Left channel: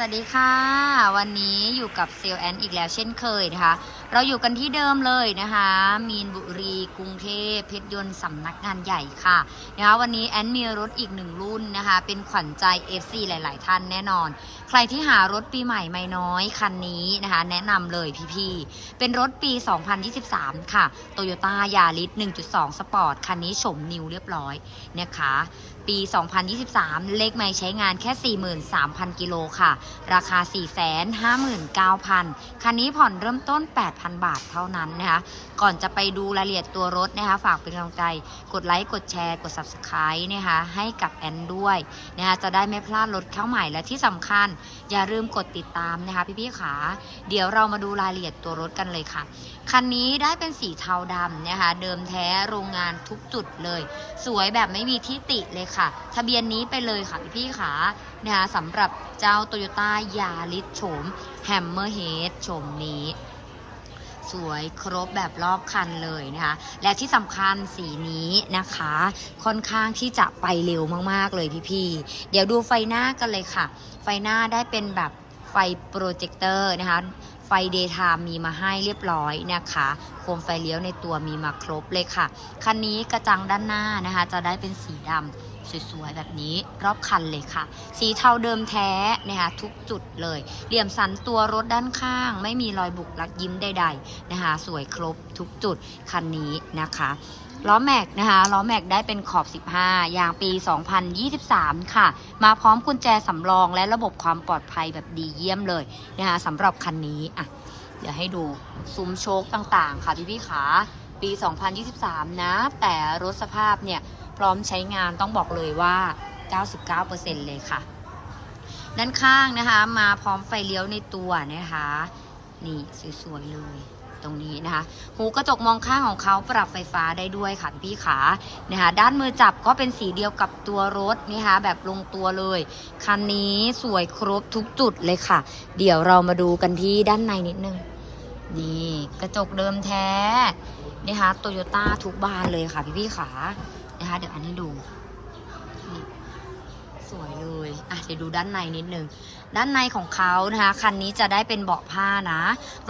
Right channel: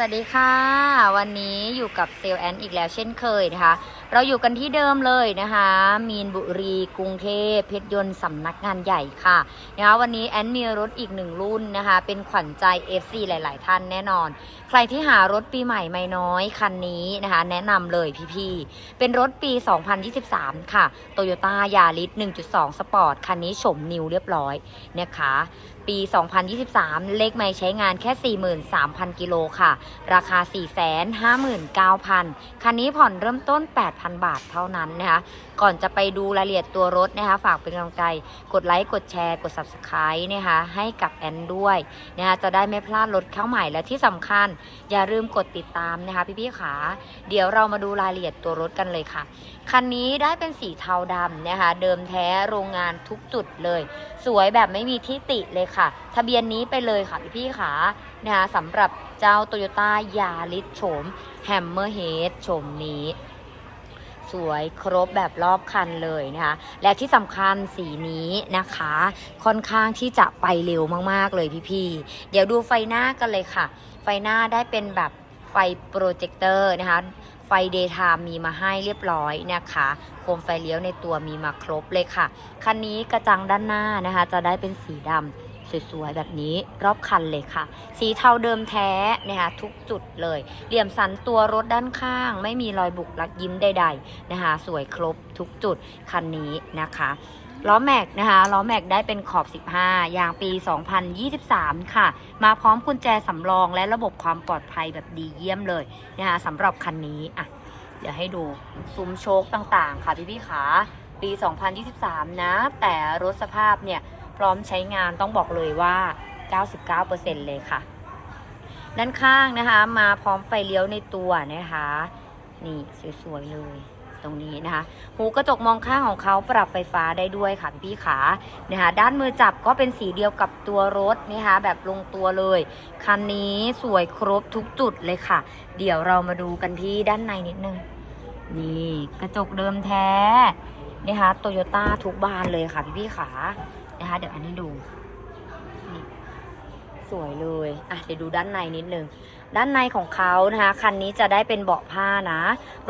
สวัสดีค่ะ วันนี้อยู่กับเซลแอนอีกแล้วเช่นเคยนะคะ เราอยู่กันที่เดิมเลยนะคะ มีนบุรีกรุงเทพเพชรยนต์สำนักงานใหญ่ค่ะนะคะวันนี้แอนมีรถอีกหนึ่งรุ่นนะคะ เป็นขวัญใจ FC หลาย ๆ ท่านแน่นอนใครที่หารถปีใหม่ไม่น้อยคันนี้นะคะ แนะนำเลยพี่ๆ เป็นรถปี 2023 ค่ะ Toyota Yaris 1.2 Sport คันนี้โฉมนิวเรียบร้อยนะคะปี 2023 เลขไม่ใช้งานแค่ 43,000 กิโลค่ะ ราคา 459,000 คันนี้ผ่อนเริ่มต้น 8,000 บาทเท่านั้นนะคะ ก่อนจะไปดูรายละเอียดตัวรถนะคะ ฝากเป็นกำลังใจ กดไลค์ กดแชร์ กด Subscribe นะคะ ให้กับแอนด้วยนะคะ จะได้ไม่พลาดรถเข้าใหม่และที่สำคัญอย่าลืมกดติดตามนะคะ พี่ๆขาเดี๋ยวเรามาดูรายละเอียดตัวรถกันเลยค่ะ คันนี้ได้เป็นสีเทาดำนะคะ เดิมแท้โรงงานทุกจุดเลย สวยแบบไม่มีที่ติเลยค่ะ ทะเบียนนี้ไปเลยค่ะพี่ๆขานะคะสำหรับเจ้า Toyota Yaris โฉม Hammerhead โฉมนี้ สวยครบแบบรอบคันเลยนะคะ และที่สำคัญสีนี้นะคะ ค่อนข้างที่จะไปเร็วมากๆเลยพี่ๆ เดี๋ยวดูไฟหน้ากันเลยค่ะ ไฟหน้าได้เป็นแบบไฟโปรเจคเตอร์นะคะ ไฟเดย์ไทม์มีมาให้เรียบร้อยนะคะ โคมไฟเลี้ยวในตัวมีมาครบเลยค่ะ คันนี้กระจังด้านหน้านะคะ จะได้เป็นสีดำ สวยๆ แบบนี้รอบคันเลยค่ะ สีเทาเดิมแท้นะคะทุกจุดเลย เหลี่ยมสันตัวรถด้านข้าง ไม่มีรอยบุกลักยิ้มใดๆนะคะสวยครบทุกจุดคันนี้นะคะล้อแม็กนะคะล้อแม็กได้เป็นขอบ 15 ยางปี 2023 ค่ะ มาพร้อมกุญแจสำรองและระบบความปลอดภัยแบบดีเยี่ยมเลยนะคะสำหรับคันนี้อะเดี๋ยวให้ดูซุ้มโชคต่างๆ ค่ะพี่พี่ขาปี 2023 นะ แต่รถสภาพเนี่ย พร้อมใช้งานต้องบอกเลยว่า 99%เลยค่ะ ด้านข้างนะคะมาพร้อมไฟเลี้ยวในตัวนะคะ นี่สวยๆเลยตรงนี้นะคะ หูกระจกมองข้างของเขาปรับไฟฟ้าได้ด้วยค่ะพี่ขานะคะด้านมือจับก็เป็นสีเดียวกับตัวรถนะคะแบบลงตัวเลย คันนี้สวยครบทุกจุดเลยค่ะ เดี๋ยวเรามาดูกันที่ด้านในนิดนึง นี่กระจกเดิมแท้นะคะโตโยต้าทุกบานเลยค่ะพี่พี่ขา นะคะ เดี๋ยวอันนี้ดู สวยเลย อะ เดี๋ยวดูด้านในนิดนึง ด้านในของเขานะคะ คันนี้จะได้เป็นเบาะผ้านะ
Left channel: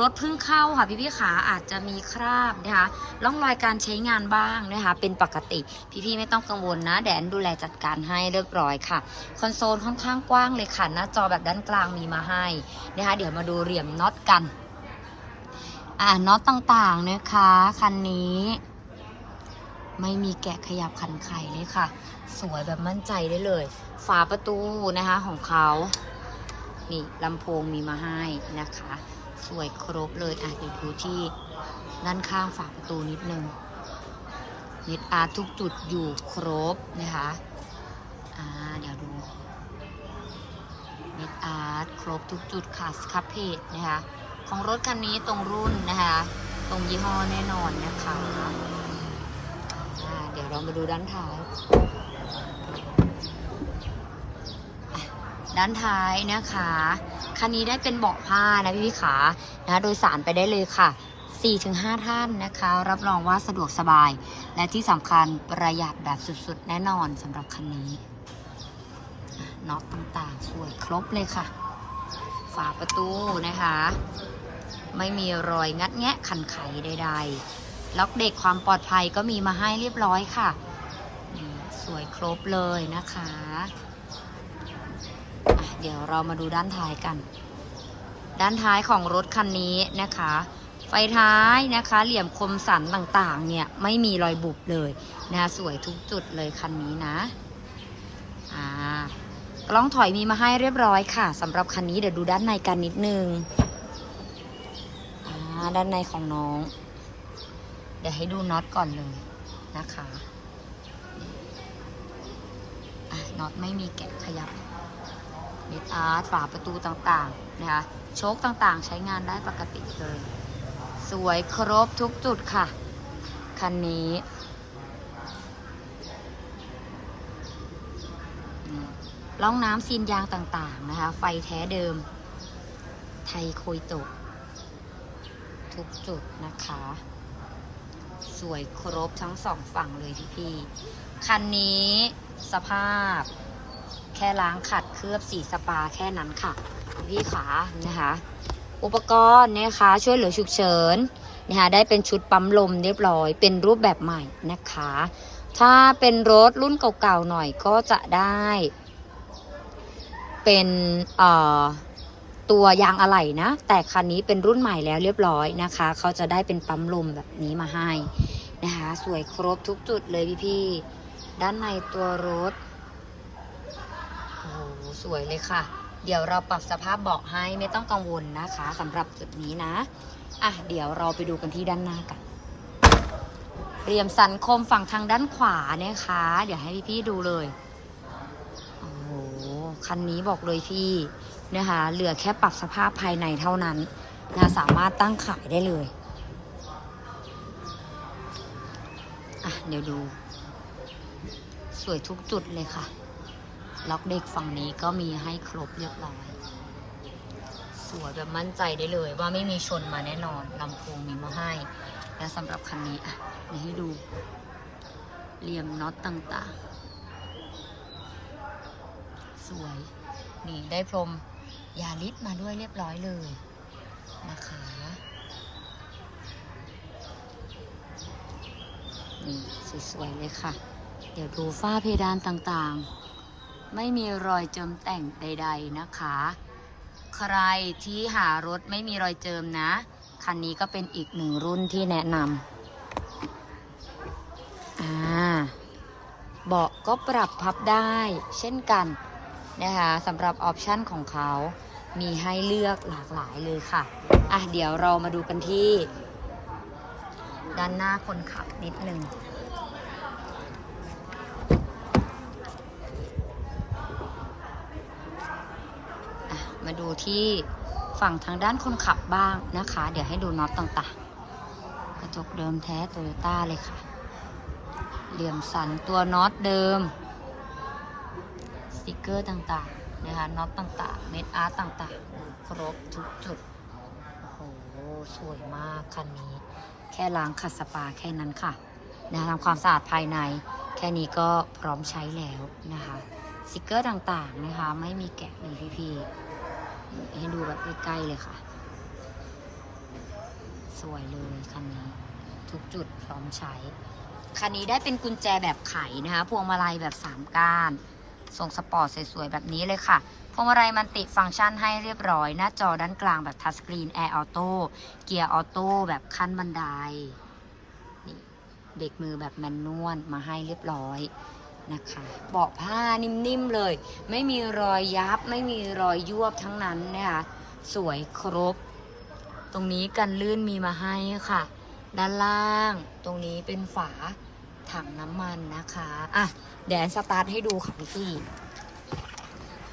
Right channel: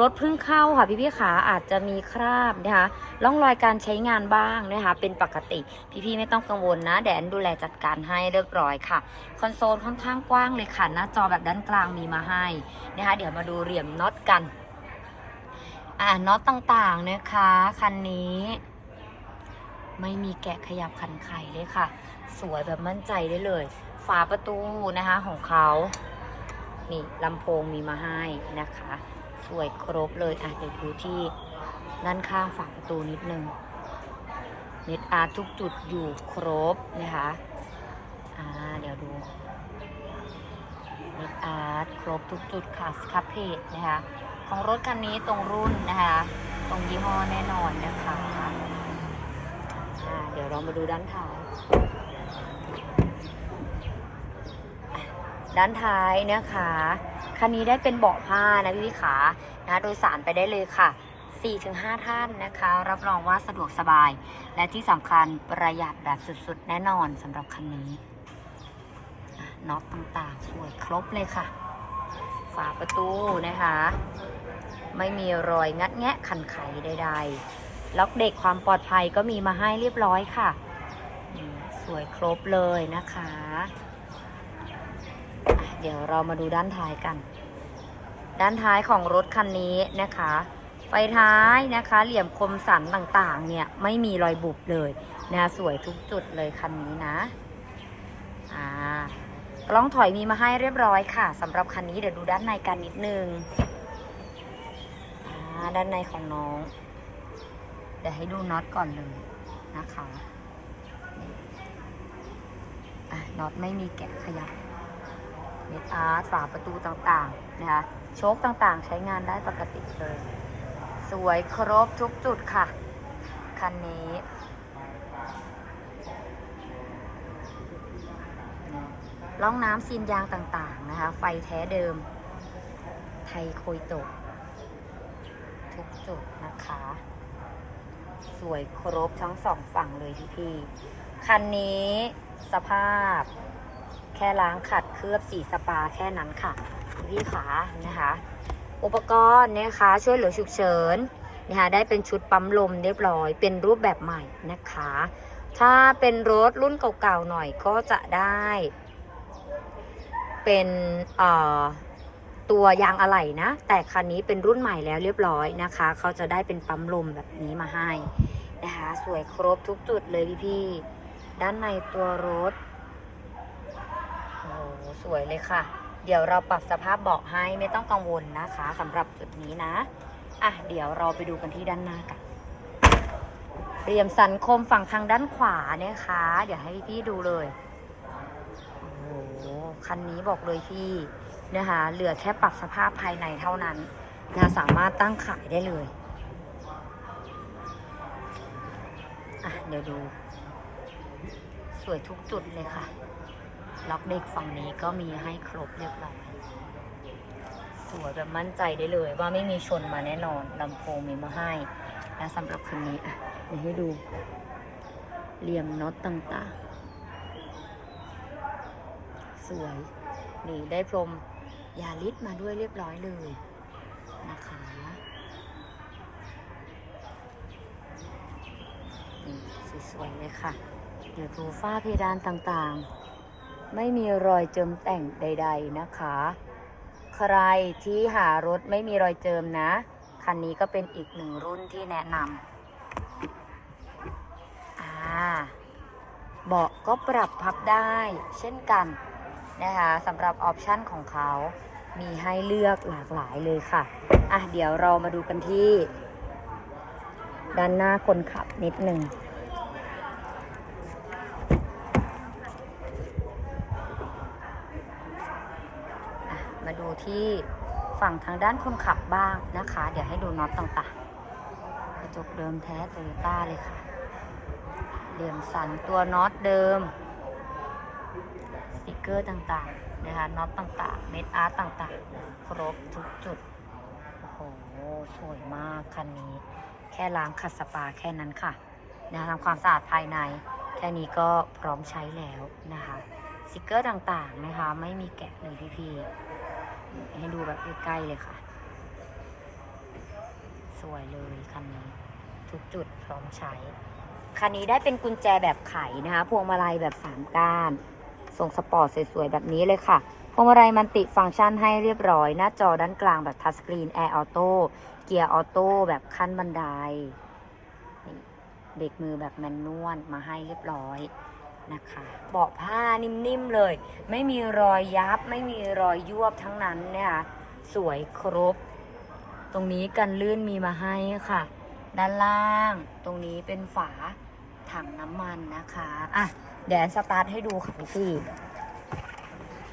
รถเพิ่งเข้าค่ะพี่พี่ขาอาจจะมีคราบนะคะร่องรอยการใช้งานบ้างนะคะ เป็นปกติ พี่พี่ๆไม่ต้องกังวลนะ แดนดูแลจัดการให้เรียบร้อยค่ะ คอนโซลค่อนข้างกว้างเลยค่ะ หน้าจอแบบด้านกลางมีมาให้นะคะ เดี๋ยวมาดูเหลี่ยมน็อตกัน อ่าน็อตต่างๆนะคะ คันนี้ ไม่มีแกะขยับขันไข่เลยค่ะ สวยแบบมั่นใจได้เลย ฝาประตูนะคะของเขานี่ลำโพงมีมาให้นะคะ สวยครบเลยอะเดี๋ยวดูที่ด้านข้างฝาประตูนิดนึงเม็ดอาร์ตทุกจุดอยู่ครบนะคะอ่าเดี๋ยวดูเม็ดอาร์ตครบทุกจุดค่ะสครับเพจนะคะของรถคันนี้ตรงรุ่นนะคะ ตรงยี่ห้อแน่นอนนะคะ ดี๋ยวเรามาดูด้านท้าย ด้านท้ายนะคะคันนี้ได้เป็นเบาะผ้านะพี่พี่ขานะโดยสารไปได้เลยค่ะ4-5 ท่านนะคะ รับรองว่าสะดวกสบาย และที่สำคัญประหยัดแบบสุดๆ แน่นอนสำหรับคันนี้น็อตต่างๆ สวยครบเลยค่ะ ฝาประตูนะคะ ไม่มีรอยงัดแงะขันไขใดๆ ล็อกเด็กความปลอดภัยก็มีมาให้เรียบร้อยค่ะสวยครบเลยนะคะะเดี๋ยวเรามาดูด้านท้ายกัน ด้านท้ายของรถคันนี้นะคะ ไฟท้ายนะคะ เหลี่ยมคมสันต่างๆ เนี่ยไม่มีรอยบุบเลยนะสวยทุกจุดเลยคันนี้นะอ่ากล้องถอยมีมาให้เรียบร้อยค่ะสำหรับคันนี้เดี๋ยวดูด้านในกันนิดนึงด้านในของน้อง เดี๋ยวให้ดูน็อตก่อนเลยนะคะน็อตไม่มีแกะขยับเม็ดอาร์ตฝาประตูต่างๆนะคะโชคต่างๆใช้งานได้ปกติเลย สวยครบทุกจุดค่ะ คันนี้นี่ร่องน้ำซีนยางต่างๆนะคะ ไฟแท้เดิม ไทยโคยโตะทุกจุดนะคะ สวยครบทั้งสองฝั่งเลยพี่พี่คันนี้สภาพ แค่ล้างขัดเคลือบสีสปาแค่นั้นค่ะ พี่ขานะคะ อุปกรณ์นะคะช่วยเหลือฉุกเฉินนะคะได้เป็นชุดปั๊มลมเรียบร้อย เป็นรูปแบบใหม่นะคะ ถ้าเป็นรถรุ่นเก่าๆหน่อยก็จะได้ เป็นเอ่อ ตัวยางอะไหล่นะ แต่คันนี้เป็นรุ่นใหม่แล้วเรียบร้อยนะคะ เขาจะได้เป็นปั๊มลมแบบนี้มาให้นะคะ สวยครบทุกจุดเลยพี่ๆด้านในตัวรถโอ้สวยเลยค่ะ เดี๋ยวเราปรับสภาพเบาะให้ไม่ต้องกังวลนะคะสำหรับจุดนี้นะอะเดี๋ยวเราไปดูกันที่ด้านหน้ากันเรียมสันคมฝั่งทางด้านขวานะคะ เดี๋ยวให้พี่ๆดูเลย โอ้โห คันนี้บอกเลยพี่ นะคะ เหลือแค่ปรับสภาพภายในเท่านั้นนะสามารถตั้งขายได้เลยอะเดี๋ยวดู สวยทุกจุดเลยค่ะ ล็อกเด็กฝั่งนี้ก็มีให้ครบเรียบร้อยสวยแบบมั่นใจได้เลย ว่าไม่มีชนมาแน่นอนลำโพงมีมาให้ และสำหรับคันนี้อะเดี๋ยวให้ดูเหลี่ยมน็อตต่างๆ สวย นี่ได้พรม ยาลิสมาด้วยเรียบร้อยเลยนะคะนี่สวยๆเลยค่ะ เดี๋ยวดูฝ้าเพดานต่างๆ ไม่มีรอยเจิมแต่งใด ๆนะคะ ใครที่หารถไม่มีรอยเจิมนะ คันนี้ก็เป็นอีกหนึ่งรุ่นที่แนะนำอ่าเบาะก็ปรับพับได้เช่นกันนะคะสำหรับออปชันของเขา มีให้เลือกหลากหลายเลยค่ะ อะ เดี๋ยวเรามาดูกันที่ ด้านหน้าคนขับนิดหนึ่ง มาดูที่ฝั่งทางด้านคนขับบ้างนะคะ เดี๋ยวให้ดูน็อตต่างๆ กระจกเดิมแท้โตโยต้าเลยค่ะ เหลี่ยมสันตัวน็อตเดิม สติกเกอร์ต่างๆ นะคะน็อตต่างๆ เม็ดอาร์ตต่างๆ ครบทุกจุด โอ้โห สวยมากคันนี้ แค่ล้างขัดสปาแค่นั้นค่ะนะทำความสะอาดภายใน แค่นี้ก็พร้อมใช้แล้วนะคะสติกเกอร์ต่างๆนะคะ ไม่มีแกะเลยพี่ๆให้ดูแบบใกล้ๆเลยค่ะ สวยเลยคันนี้ ทุกจุดพร้อมใช้คันนี้ได้เป็นกุญแจแบบไขนะคะ พวงมาลัยแบบ 3 ก้าน ทรงสปอร์ตสวยๆ แบบนี้เลยค่ะพวงมาลัยมันติฟังก์ชันให้เรียบร้อย หน้าจอด้านกลางแบบทัชสกรีนแอร์ออโต้เกียร์ออโต้แบบขั้นบันไดนี่เบรกมือแบบแมนนวลมาให้เรียบร้อยนะคะเบาะผ้านิ่มๆเลย ไม่มีรอยยับ ไม่มีรอยยวบทั้งนั้นนะคะสวยครบ ตรงนี้กันลื่นมีมาให้ค่ะ ด้านล่าง ตรงนี้เป็นฝา ถังน้ำมันนะคะ อะ เดี๋ยวสตาร์ทให้ดูค่ะพี่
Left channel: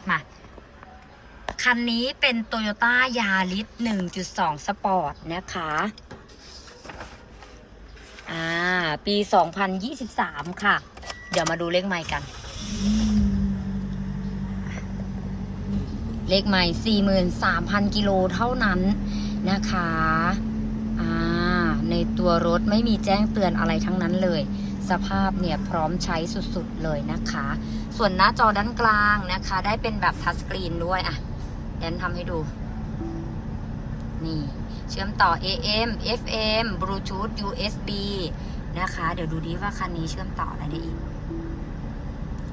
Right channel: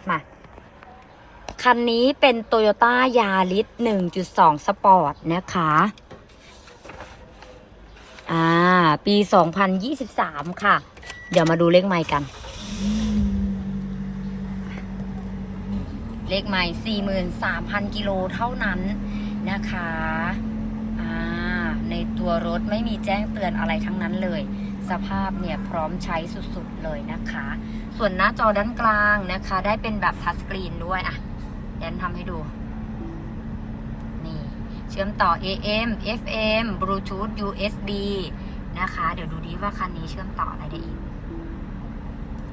มา คันนี้เป็น Toyota Yaris 1.2 Sport นะคะ อ่า ปี 2023 ค่ะ เดี๋ยวมาดูเลขไมล์กัน เลขไมล์43,000 กิโลเท่านั้นนะคะอ่าในตัวรถไม่มีแจ้งเตือนอะไรทั้งนั้นเลย สภาพเนี่ยพร้อมใช้สุดๆเลยนะคะ ส่วนหน้าจอด้านกลางนะคะ ได้เป็นแบบทัชสกรีนด้วยอะแดนทำให้ดู นี่ เชื่อมต่อ AM FM Bluetooth USB นะคะ เดี๋ยวดูดีว่าคันนี้เชื่อมต่ออะไรได้อีก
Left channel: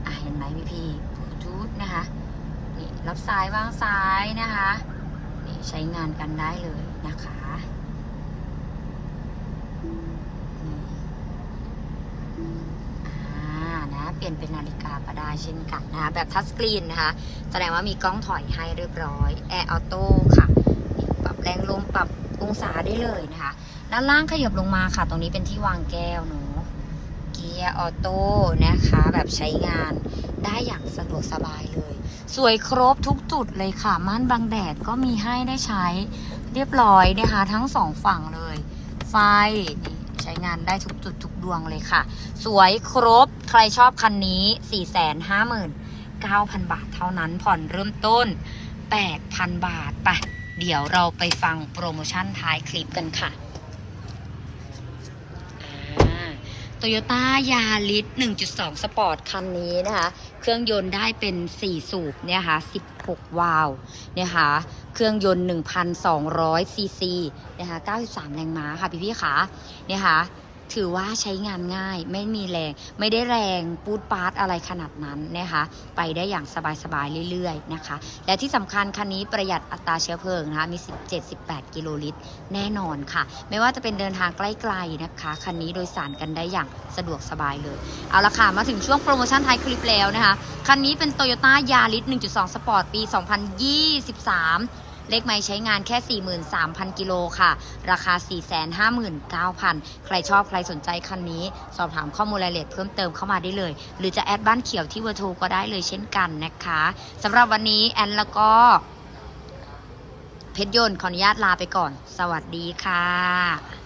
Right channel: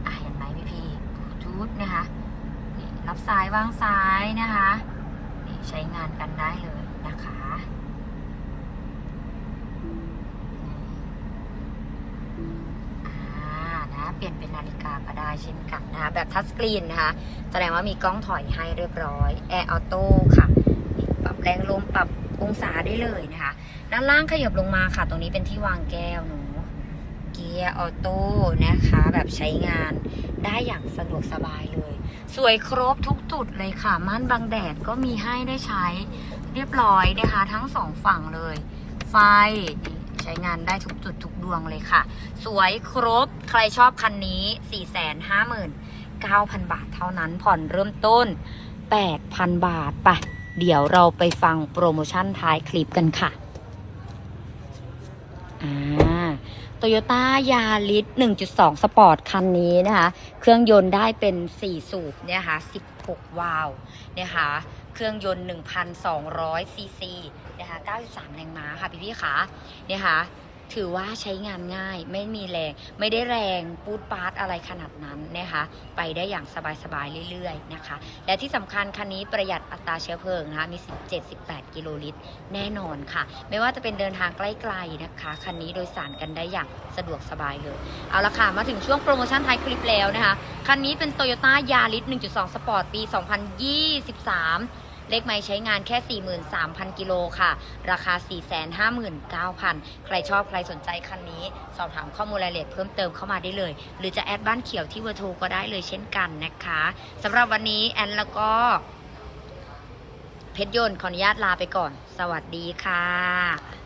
อะเห็นไหมพี่พี่ Bluetooth นะคะนี่รับสายวางสายนะคะนี่ใช้งานกันได้เลยนะคะ อ่านะเปลี่ยนเป็นนาฬิกาก็ได้เช่นกันนะคะแบบทัชสกรีนนะคะ แสดงว่ามีกล้องถอยให้เรียบร้อยแอร์ออโต้ค่ะ ปรับแรงลมปรับองศาได้เลยนะคะ ด้านล่างขยับลงมาค่ะ ตรงนี้เป็นที่วางแก้วเนาะเกียร์ออโต้นะคะ แบบใช้งานได้อย่างสะดวกสบายเลย สวยครบทุกจุดเลยค่ะ ม่านบังแดดก็มีให้ได้ใช้เรียบร้อยนะคะ ทั้งสองฝั่งเลย ไฟ ใช้งานได้ทุกจุดทุกดวงเลยค่ะ สวยครบใครชอบคันนี้ 459,000 บาทเท่านั้นผ่อนเริ่มต้น 8,000 บาทไปเดี๋ยวเราไปฟังโปรโมชั่นท้ายคลิปกันค่ะโตโยต้ายาริส1.2 สปอร์ตคันนี้นะคะ เครื่องยนต์ได้เป็น 4 สูบเนี่ยค่ะ6วาล์วนะคะ เครื่องยนต์ 1,200ซีซีนะคะ93 แรงม้าค่ะพี่ๆค่ะนะคะ ถือว่าใช้งานง่ายไม่มีแรงไม่ได้แรงปูดปาดอะไรขนาดนั้นนะคะไปได้อย่างสบายๆเรื่อยๆนะคะ และที่สำคัญคันนี้ประหยัดอัตราเชื้อเพลิงนะคะมี 17-18 กิโลลิตร แน่นอนค่ะ ไม่ว่าจะเป็นเดินทางใกล้ๆนะคะคันนี้โดยสารกันได้อย่างสะดวกสบายเลย เอาละค่ะ มาถึงช่วงโปรโมชั่นท้ายคลิปแล้วนะคะ คันนี้เป็น Toyota Yaris 1.2 Sport ปี 2023 เลขไม้ใช้งานแค่ 43,000 กิโลค่ะ ราคา 459,000 ใครชอบใครสนใจคันนี้ สอบถามข้อมูลรายละเอียดเพิ่มเติมเข้ามาได้เลย หรือจะแอดบ้านเขียวที่เวอร์ทูก็ได้เลยเช่นกันนะคะสำหรับวันนี้แอนแล้วก็เพชรยนต์ขออนุญาตลาไปก่อน สวัสดีค่ะ